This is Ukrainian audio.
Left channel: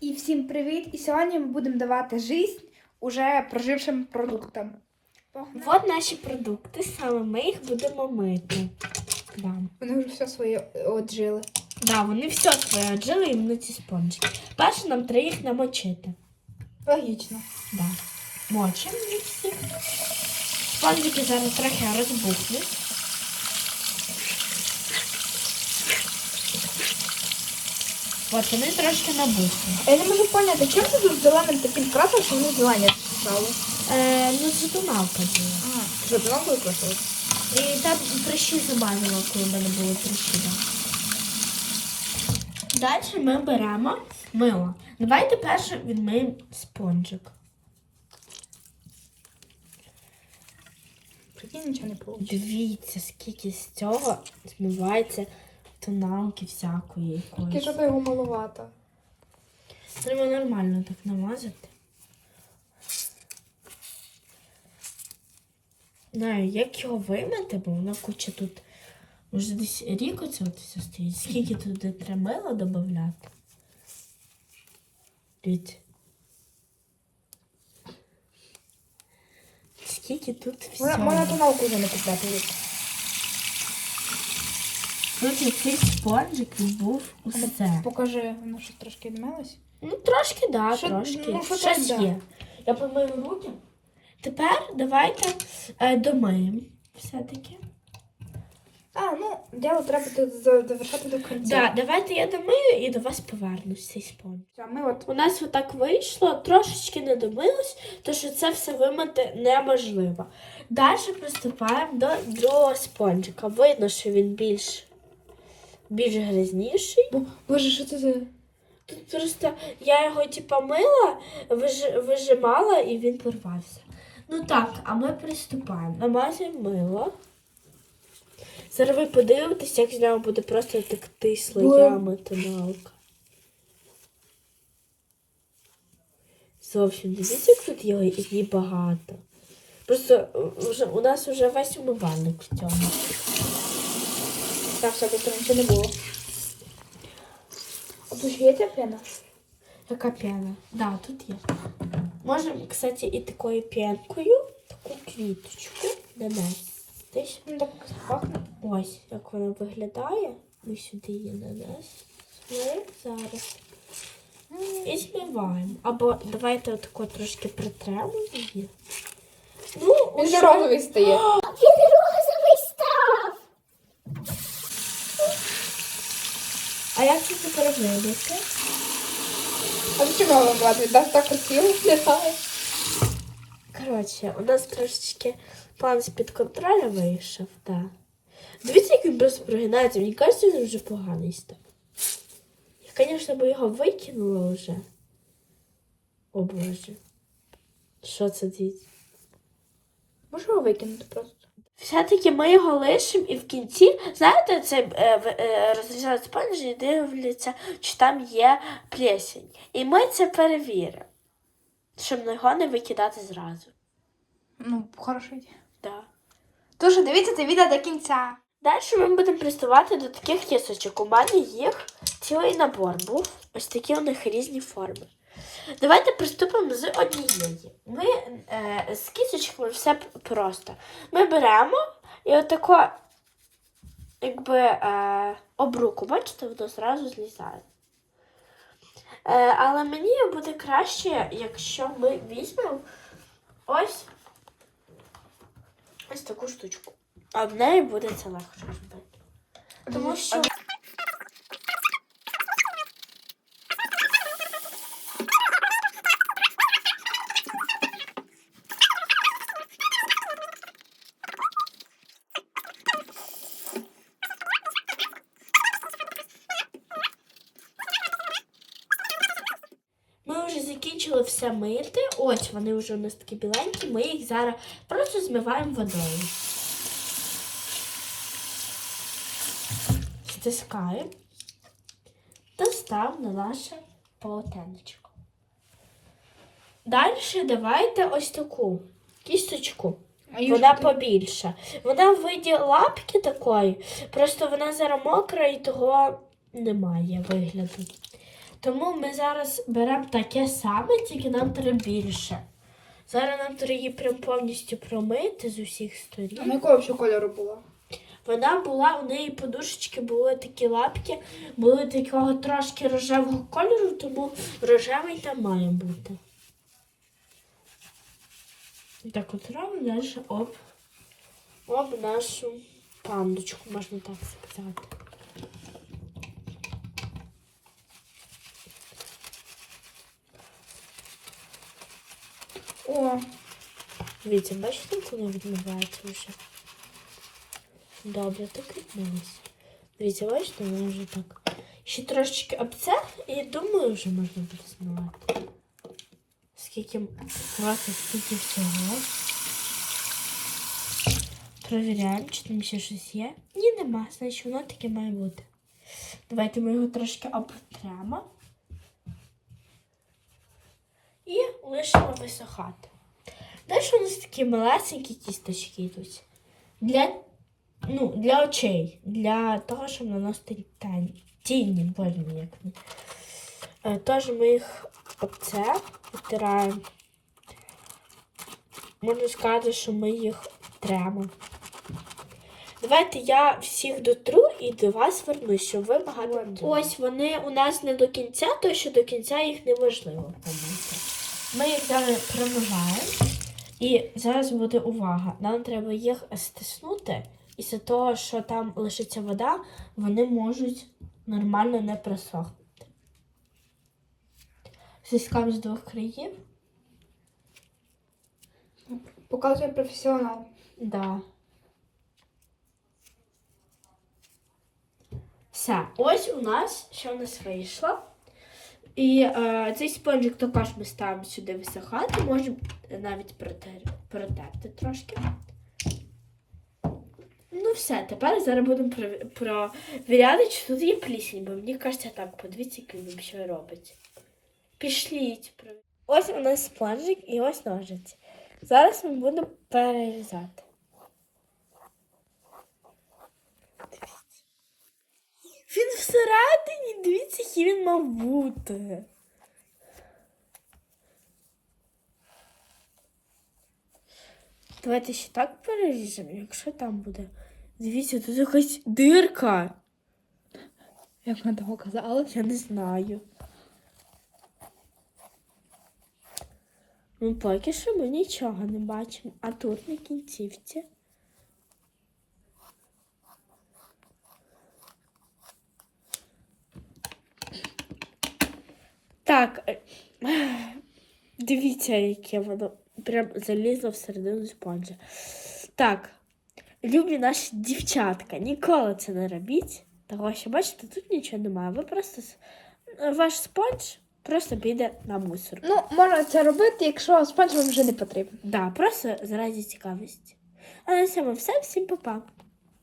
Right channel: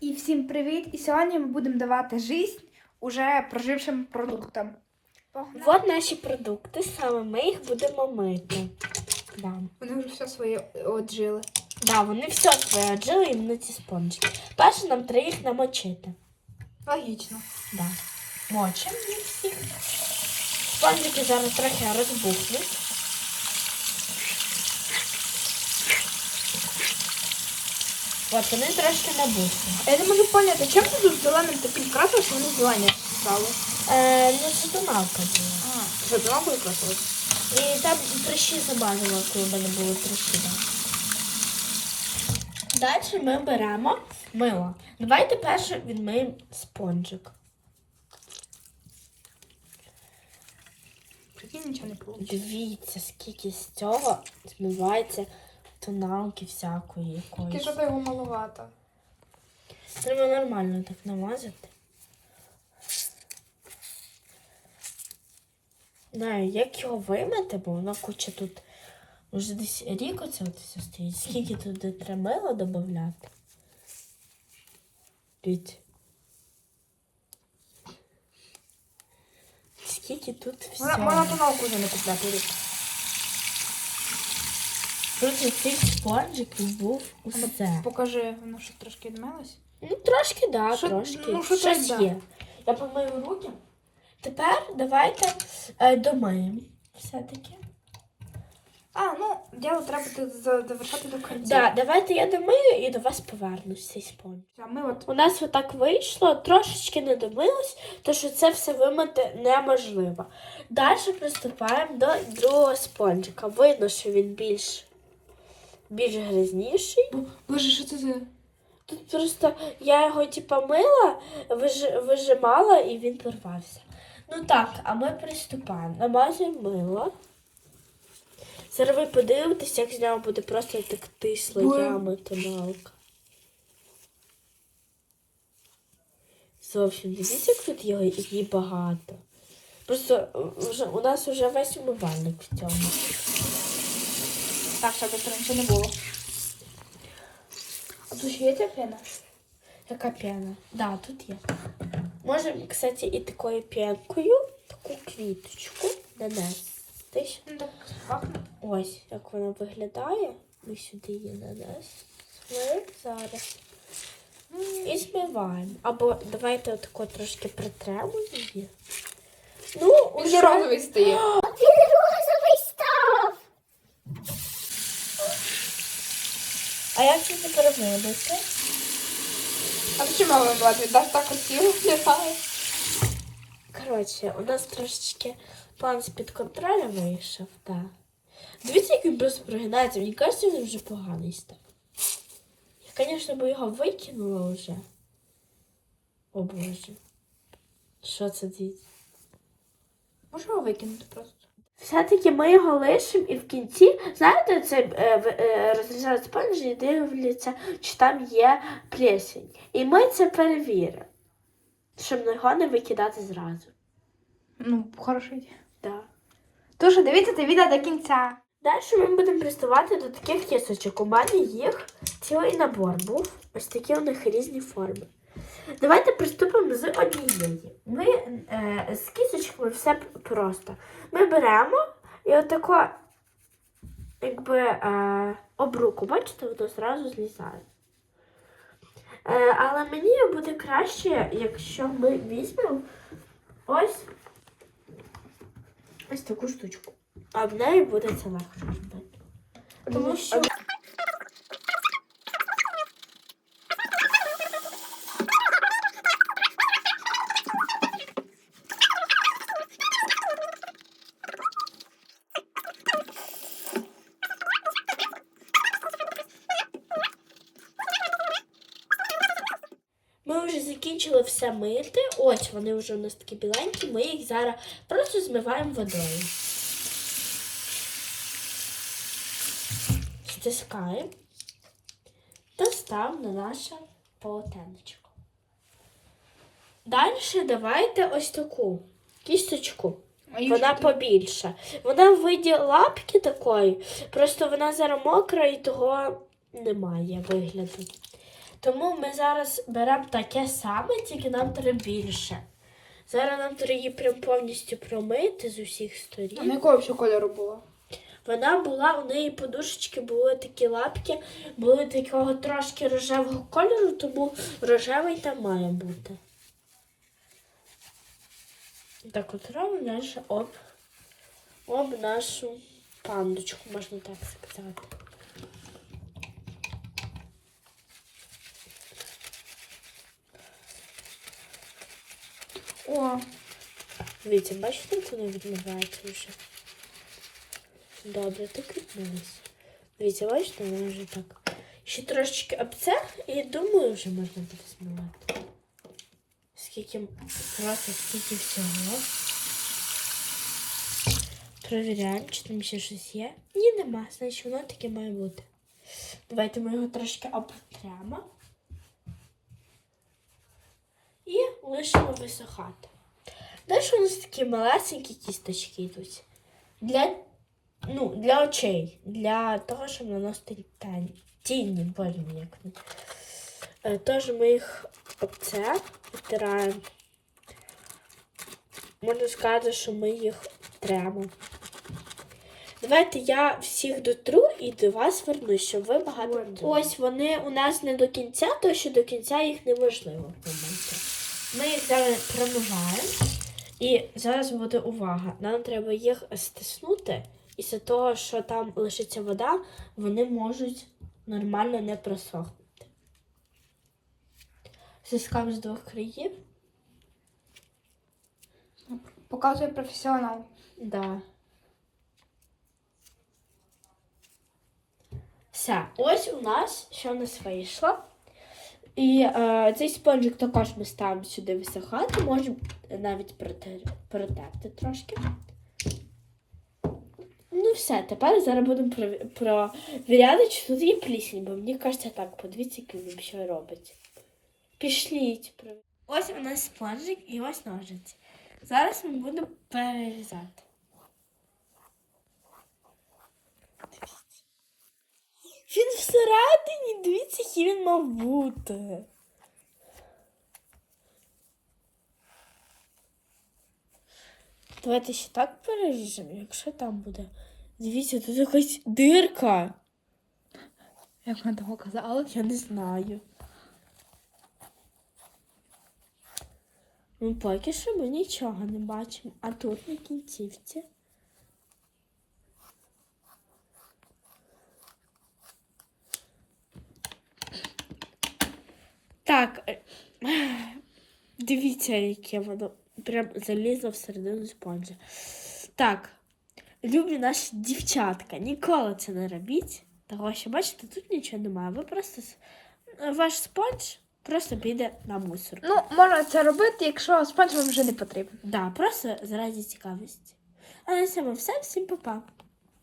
І всім привіт! І сьогодні ми будемо давати жизнь уже прожившим продуктам. Вот наші продукти, саме ми їх будемо мити. Да. Вони вже все своє отжили. Да, вони все своє отжили іменно ці спонжики. Перше нам треба їх намочити. Логічно. Да. Мочимо їх всіх. Спонжики зараз трохи розбухнуть. От вони трошки набухли. Я не можу поняти, чим ти тут зеленим таким красиш, що вони зелені стали? Е, ну це тоналка була. А, давно були красили? І там прищі забавила, коли в мене були прищі. Да. Далі ми беремо мило. Давайте перше відмиємо спонжик. Прикинь, нічого не було. Дивіться, скільки з цього змивається тоналки всякої Ти якоїсь. що його малувато? Треба нормально так намазати. Знаю, як його вимити, бо воно куча тут вже десь рік оце от все стоїть. Скільки туди треба мила додати? Скільки тут всього. вона тоналку вже не купляти. Тут який спонжик був усе. Покажи, воно що трошки відмилось. Ну, трошки, да, Що- трошки. ну, що Щось так, да. є. Я помию руки. Тепер давайте е, домиємо все-таки. А, ну, діло треба тут за- до кінця. Да, давайте я домию і до вас повернусь цей спонж. А ми от У нас отак вийшло, трошечки не домилось, то що це все вимити неможливо. Далі приступаємо до другого спонжика. Видно, що він більш, більш грязніший. Бо, боже, що це за. Тут просто я його типа мила, виж, вижимала і він порвався. Ну так, а ми приступаємо. Намазуємо мило. Зараз ви подивитесь, як з нього буде просто текти слоями тоналка. Зовсім дивіться, як тут його її багато. Просто е, вже, у нас вже весь умивальник в цьому. Так, щоб тут нічого не було. А тут ще є ця пена? Яка п'яна? Да, тут є. Можемо, кстати, і такою п'янкою таку квіточку нанести. Ну, так пахне. Ось, як вона виглядає. Ми сюди її нанесли зараз. І змиваємо. Або давайте отако трошки притремо її. Ну, Він же стає. А як це тепер вибити? А його вибивати? Він так красиво виглядає. Коротше, у нас трошечки план з-під контролю вийшов, так. Дивіться, як він просто прогинається. Мені кажеться, він вже поганий став. Я, звісно, би його викинула вже. О Боже. Що це діти? Може його викинути просто? Все-таки ми його лишимо і в кінці, знаєте, це е, е, розрізають спонжі і дивляться, чи там є плесень. І ми це перевіримо, щоб його не викидати зразу. Ну, хорошо. Да. Тож дивіться це відео до кінця. Далі ми будемо приступати до таких кісочок. У мене їх цілий набор був. Ось такі у них різні форми. Давайте приступимо з однієї. Ми е, з кісочками все просто. Ми беремо і отако, якби е, об руку, бачите, воно зразу злізає. Е, але мені буде краще, якщо ми візьмемо ось, ось таку штучку. А в неї буде це легше робити. Тому що ми вже закінчили все мити. Ось вони вже у нас такі біленькі. Ми їх зараз просто змиваємо водою. Стискаємо та ставимо на наше полотенечко. Далі давайте ось таку кісточку. Вона побільша. Вона в виді лапки такої, просто вона зараз мокра і того немає вигляду. Тому ми зараз беремо таке саме, тільки нам треба більше. Зараз нам треба її прям повністю промити з усіх А сторін. на якого ще кольору була? Вона була, у неї подушечки були такі лапки, були такого трошки рожевого кольору, тому рожевий там має бути. Так от робимо далі об, об нашу пандочку, можна так сказати. О, Дивіться, бачите, як воно відмивається вже? Добре, так відмилося. Дивіться, бачите, воно вже так. Ще трошечки об це, і думаю, вже можна буде змивати. Скільки класно, скільки всього. Провіряємо, чи там ще щось є. Ні, нема, значить воно таке має бути. Давайте ми його трошки обтремо. І лишимо висохати. Далі у нас такі малесенькі кісточки йдуть. Для, ну, для очей, для того, щоб наносити. Тіні, вони. Е, Тож ми їх оце втираємо. Можна сказати, що ми їх тремо. Давайте я всіх дотру і до вас вернусь, щоб ви багато. Ось вони у нас не до кінця, тому що до кінця їх неможливо. Ми їх зараз промиваємо. І зараз буде увага. Нам треба їх стиснути, і з того, що там лишиться вода, вони можуть нормально не просохнути. Стискаємо з двох країв. показує професіонал. Да. Все, ось у нас що у нас вийшло. І е, цей спонжик також ми ставимо сюди висохати, можемо навіть протер, протерти трошки. Ну все, тепер зараз будемо прові- провіряти, чи тут є плісень, бо мені кажеться так, подивіться, як він що робить. Пішліть. Ось у нас спонжик і ось ножиці. Зараз ми будемо перерізати. Він всередині, дивіться, який він мав бути. Давайте ще так переріжемо, якщо там буде. Дивіться, тут якась дирка. Як вона того казала? Я не знаю. Ну, поки що ми нічого не бачимо. А тут на кінцівці. Так. е, Дивіться, яке воно прям залізло всередину спонжа. Так. Любі наші дівчатка, ніколи це не робіть. Того що, бачите, тут нічого немає. Ви просто ваш спонж просто піде на мусор. Ну, можна це робити, якщо спонж вам вже не потрібен. Да, просто заради цікавості. А на цьому все. Всім па-па.